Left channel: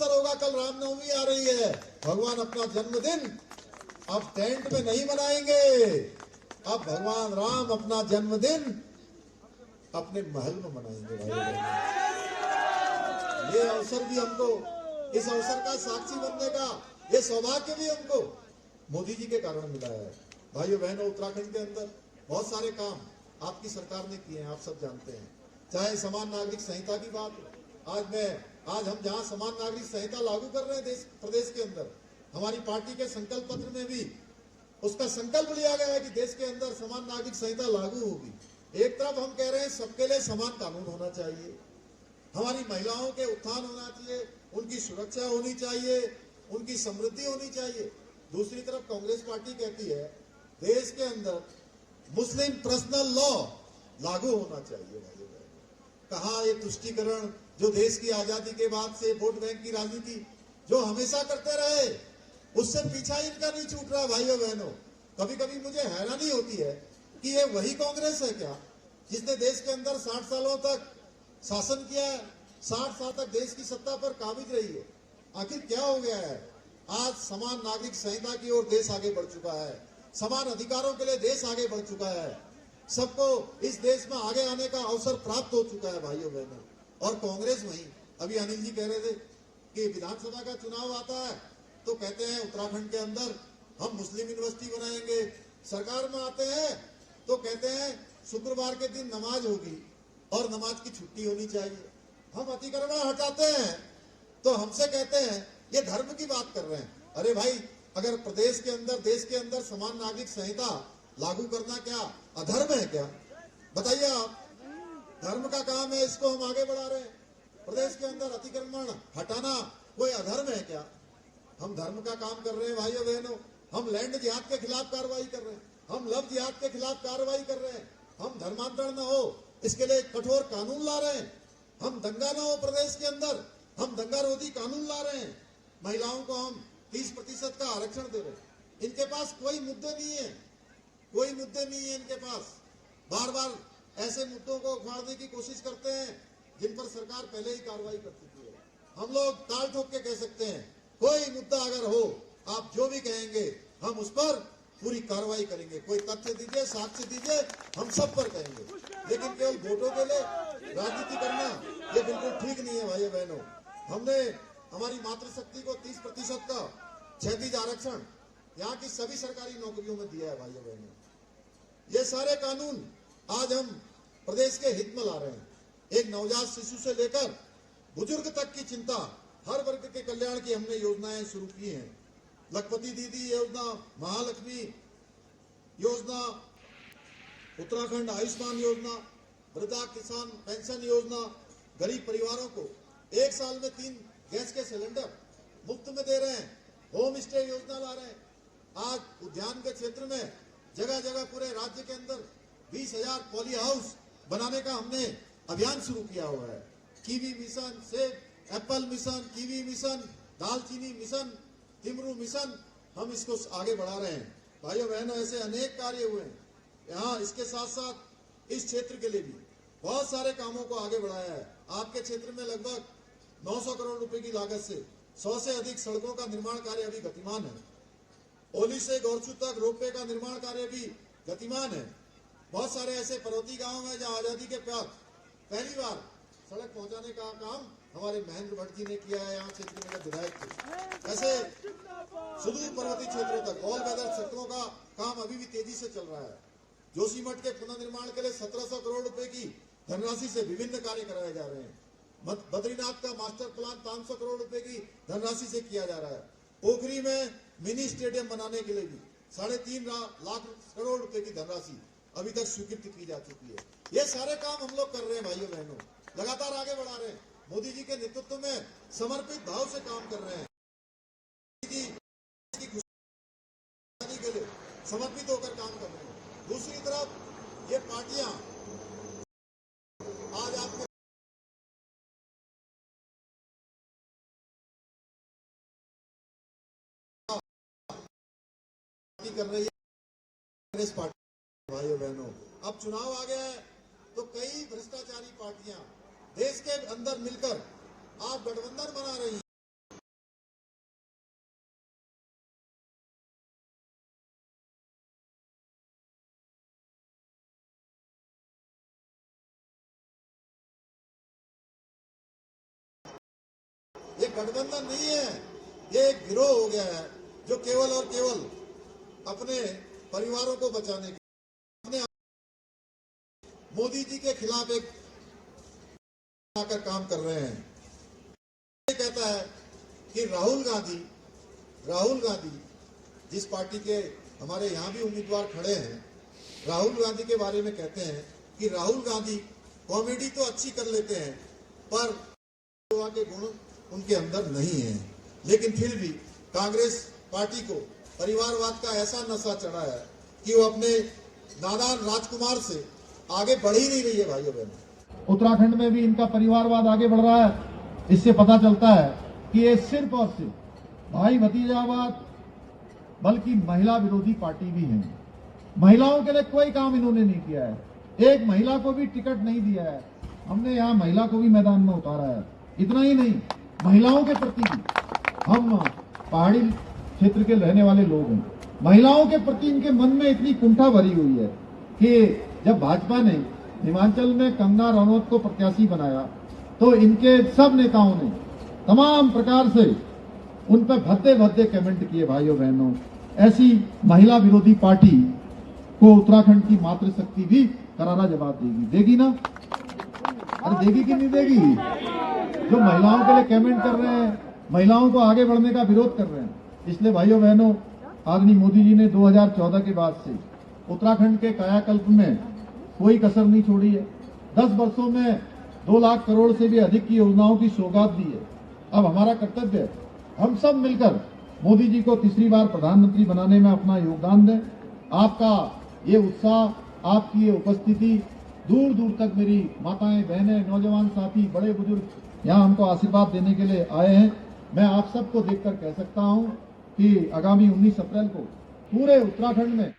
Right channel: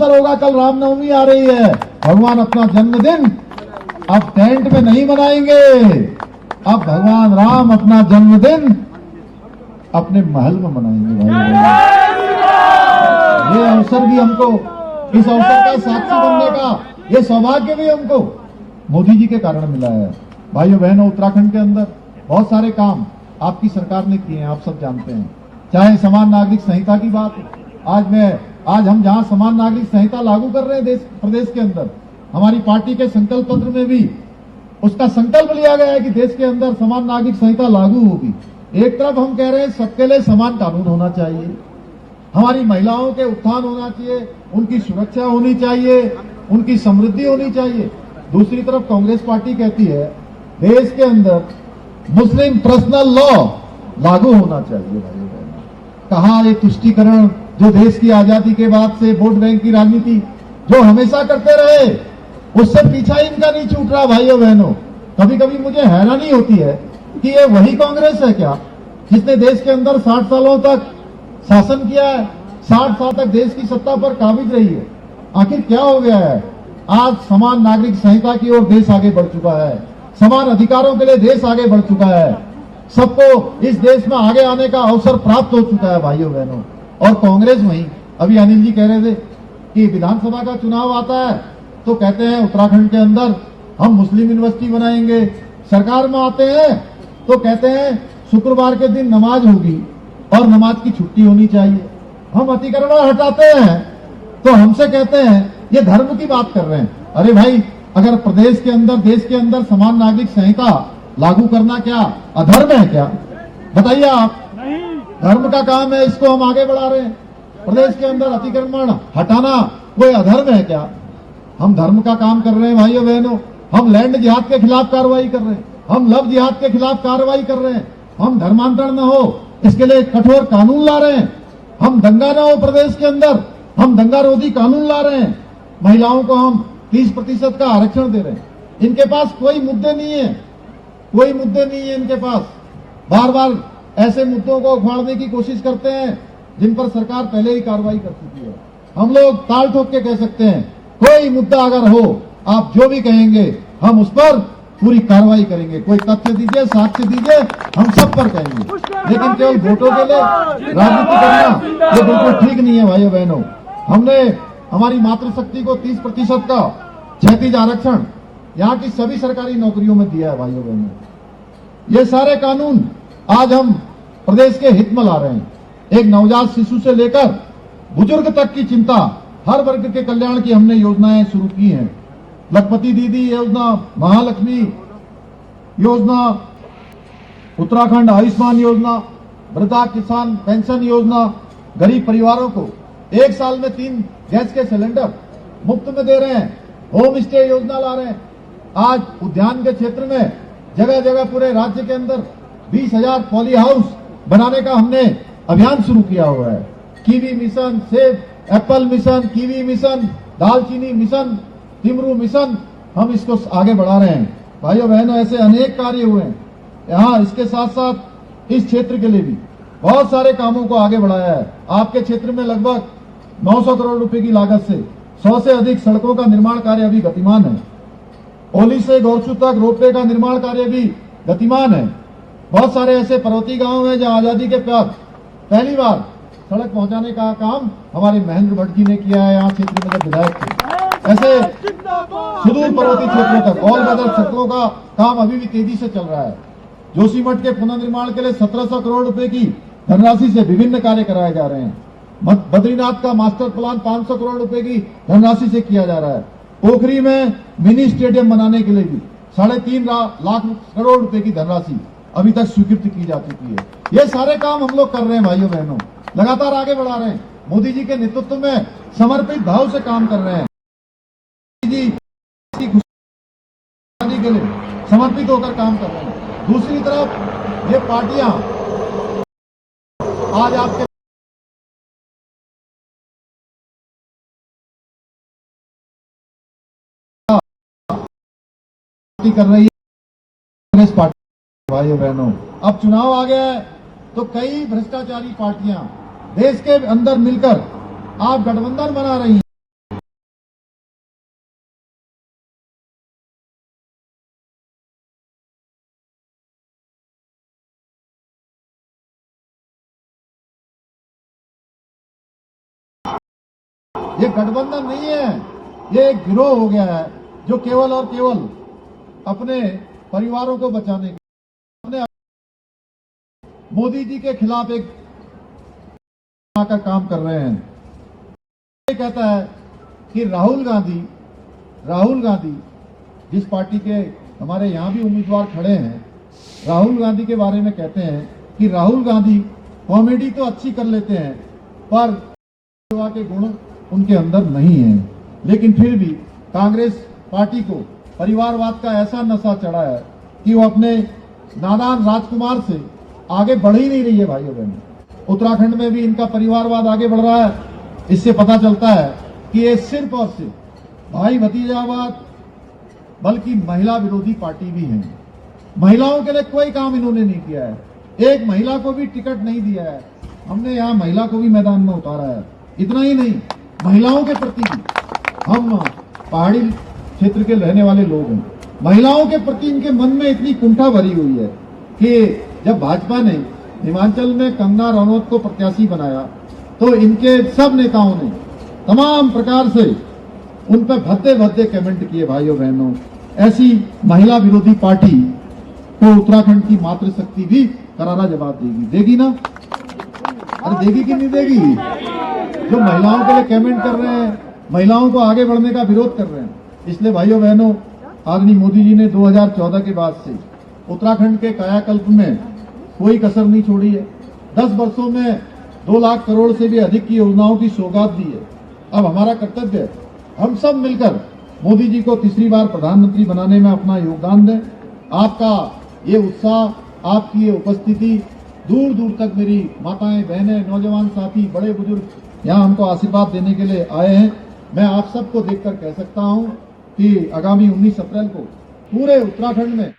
अवसर होगा, कल रामनवमी आ रही है, भगवान अपना जन्मदिन अब टेंट में नहीं मनाएंगे, अब भगवान राम अपना जन्मदिन अपने महल में मनाएंगे। ये अवसर भी हमको, इस अवसर का साक्षी बनने का ये सौभाग्य भी हमको मोदी जी के कारण मिला है। भाइयों बहनों, उत्तराखंड के अंदर बहुत सारे काम आपकी सरकार ने किए हैं, आप सब जानते हैं। चाहे समान नागरिक संहिता की बात, आज हम जहां समान नागरिक संहिता लागू कर रहे हैं प्रदेश के अंदर, हमारी पार्टी के संकल्प पत्र में भी उसका संकल्प लिया गया है कि देश के अंदर समान नागरिक संहिता लागू होगी। एक तरफ हम कह रहे हैं सबके लिए समान कानून होना चाहिए, हमारी महिलाओं के उत्थान होना चाहिए, उनकी सुरक्षा होनी चाहिए, उनकी समृद्धि होनी चाहिए। दूसरी तरफ कांग्रेस पार्टी कहती है देश के अंदर मुस्लिम पर्सनल लॉ लागू होना चाहिए। भाई कहाँ ये तुष्टीकरण जो देश की आजादी के बाद से वोट बैंक की राजनीति जो हमेशा करते रहे, उससे पीछा इनका नहीं छूट रहा। भाइयों बहनों, कभी कभी मुझे हैरानी होती है कि ये वही कांग्रेस है क्या जिसने देश के अंदर 60 सालों तक शासन किया है, 60 साल तक देश की सत्ता पर काबिज रही है। आखिर क्या हो गया है? आज समान नागरिक संहिता की ओर देश आगे बढ़ चुका है, समान अधिकारों के लिए देश आगे बढ़ चुका है, सबको इस देश में आगे आने का अवसर प्राप्त हो चुका है। भाइयों बहनों, और कांग्रेस वही, अभी अनिल जी कह रहे थे कि विधानसभा का चुनाव आता है तो कहते हैं उत्तराखंड के अंदर हम मुस्लिम यूनिवर्सिटी बनाएंगे, सरकार में आते हैं तो कहते हैं शुक्रवार के दिन नमाज होगी और नमाज की छुट्टी होनी चाहिए। हम अतिक्रमण हटाते हैं तो हमसे कहते हैं ये धर्म की बात कर रहे हैं। अरे भाई, अगर प्रदेश के अंदर, देश के अंदर समान नागरिक संहिता लागू करना क्या अधर्म है क्या? बताइए आप। धर्म का काम है, इसको हम आगे बढ़ा रहे हैं। प्रदेश के अंदर अतिक्रमण हटाना कोई अधर्म है क्या? हम धर्म का काम कर रहे हैं। भाइयों बहनों, हम लैंड जिहाद के खिलाफ कार्रवाई कर रहे हैं, हम लव जिहाद के खिलाफ कार्रवाई कर रहे हैं, हम धर्मांतरण न हो इसके लिए कठोर कानून ला रहे हैं, हम दंगा न हो प्रदेश के अंदर, हम दंगा रोधी कानून ला रहे हैं, महिलाओं को हम 30% का आरक्षण दे रहे हैं। इनके पास कोई मुद्दे नहीं है, कोई मुद्दे नहीं है इनके पास। बार बार ऐसे मुद्दों को उखाड़ने की कोशिश करते हैं जिन पर सरकार पहले ही कार्रवाई कर चुकी है। हम लोग ताल ठोक के कह सकते हैं कोई मुद्दा अगर हो, आप जो भी कहेंगे हम उस पर पूरी कार्रवाई करेंगे। कोई तथ्य दीजिए, साक्ष्य दीजिए, हम सब पर कहेंगे। लेकिन केवल वोटों के लिए राजनीति करना ये बिल्कुल ठीक नहीं है। भाइयों बहनों, हमने हमारी मातृशक्ति को 30% का क्षैतिज आरक्षण यहाँ की सभी सरकारी नौकरियों में दिया है। भाइयों बहनों, ये सारे कानून आज हम प्रदेश के हित में ला रहे हैं। एक नवजात शिशु से लेकर बुजुर्ग तक की चिंता, हर वर्ग के कल्याण की हमने योजनाएं शुरू की हैं। लखपति दीदी योजना, महालक्ष्मी योजना, उत्तराखंड आयुष्मान योजना, वृद्धा किसान पेंशन योजना, गरीब परिवारों को 1 साल में 3 गैस के सिलेंडर मुफ्त में दे रहे हैं, होम स्टे योजना ला रहे हैं। आज उद्यान के क्षेत्र में जगह जगह पूरे राज्य के अंदर 20,000 पॉली हाउस बनाने का हमने अभियान शुरू किया हुआ है। कीवी मिशन, सेब एप्पल मिशन, कीवी मिशन, दालचीनी मिशन, तिमरू मिशन, हम इसको आगे बढ़ा रहे हैं। भाइयों बहनों, ऐसे अनेक कार्य हुए हैं यहाँ। इसके साथ साथ इस क्षेत्र के लिए भी बहुत सारे कामों को आगे बढ़ाया है। आपके क्षेत्र में लगभग 900 करोड़ रुपए की लागत से 100 से अधिक सड़कों का निर्माण कार्य अभी गतिमान है। ओली से गोरछू तक रोपवे का निर्माण कार्य भी गतिमान है। बहुत सारे ऐसे पर्वतीय गांव हैं जहां आजादी के बाद पहली बार सड़क पहुंचाने का काम हमारे महेंद्र भट्ट जी ने किया है। यहाँ क्षेत्र में जब विधायक थे, ऐसे सुदूर पर्वतीय क्षेत्रों तक ऑल वेदर सड़कों का काम अभी भी तेजी से चल रहा है। जोशीमठ के पुनर्निर्माण के लिए 1700 करोड़ रुपए की धनराशि से विभिन्न कार्य कराए जा रहे हैं। बद्रीनाथ का मास्टर प्लान 500 करोड़ रुपए की धनराशि से किया जा रहा है। पोखरी में मिनी स्टेडियम बनाने के लिए भी 3.5 लाख करोड़ रुपए की धनराशि अभी तक स्वीकृत की जा चुकी है। ये सारे काम हम लोग कर रहे हैं। भाइयों बहनों, लगातार आगे बढ़ा रहे हैं। मोदी जी के नेतृत्व में समर्पित भाव से काम कर रहे हैं। जी की खुशहाली के लिए समर्पित होकर काम कर रहे हैं। दूसरी तरफ ये पार्टियां आज आपके कर रही है कांग्रेस पार्टी। भाइयों बहनों, अब चुनाव आ गया है तो कई भ्रष्टाचारी पार्टियां देश के अंदर मिलकर आप गठबंधन बना रही हैं। ये गठबंधन नहीं है, ये एक गिरोह हो गया है जो केवल और केवल अपने परिवारों को बचाने के, अपने मोदी जी के खिलाफ एक आकर काम कर रहे हैं। ये कहता है कि राहुल गांधी जिस पार्टी के हमारे यहाँ भी उम्मीदवार खड़े हैं, राहुल गांधी के बारे में कहते हैं कि राहुल गांधी कॉमेडी तो अच्छी कर लेते हैं पर सेवा के गुण उनके अंदर नहीं है। लेकिन फिर भी कांग्रेस पार्टी को परिवारवाद का ऐसा नशा चढ़ा है कि वो अपने नादान राजकुमार से आगे बढ़ ही नहीं रही है। भाइयों बहनों, उत्तराखंड में भी इनका परिवारवाद आगे बढ़ रहा है। इससे पता चलता है कि ये सिर्फ और सिर्फ भाई भतीजावाद बल्कि महिला विरोधी पार्टी भी है। महिलाओं के लिए कोई काम इन्होंने नहीं किया है, एक महिला को भी टिकट नहीं दिया है। हमने यहाँ महिला को भी मैदान में उतारा है। इतना ही नहीं, महिलाओं के प्रति भी, हम पहाड़ी क्षेत्र के रहने वाले लोग हैं, महिलाओं के प्रति इनके मन में इतनी कुंठा भरी हुई है कि जब भाजपा ने हिमाचल में कंगना रनौत को प्रत्याशी बनाया तो इनके सब नेताओं ने तमाम प्रकार से उन पर भद्दे भद्दे कमेंट किए। भाइयों बहनों, ऐसी महिला विरोधी पार्टी को उत्तराखंड की मातृशक्ति भी करारा जवाब देगी ना? अरे देगी कि नहीं देगी? जो महिलाओं के लिए कमेंट कर रहे हैं, महिलाओं को आगे बढ़ने का विरोध कर रहे हैं। इसलिए भाइयों बहनों, आदरणीय मोदी जी ने 2014 के बाद से उत्तराखंड के कायाकल्प में कोई कसर नहीं छोड़ी है। 10 वर्षों में 2 लाख करोड़ से भी अधिक की योजनाओं की सौगात दी है। अब हमारा कर्तव्य है हम सब मिलकर मोदी जी को तीसरी बार प्रधानमंत्री बनाने में अपना योगदान दें। आपका ये उत्साह, आपकी ये उपस्थिति, दूर दूर तक मेरी माताएं, बहनें, नौजवान साथी, बड़े बुजुर्ग यहाँ हमको आशीर्वाद देने के लिए आए हैं। मैं आप सबको देखकर कह सकता हूँ कि आगामी 19 अप्रैल को पूरे उत्तराखंड में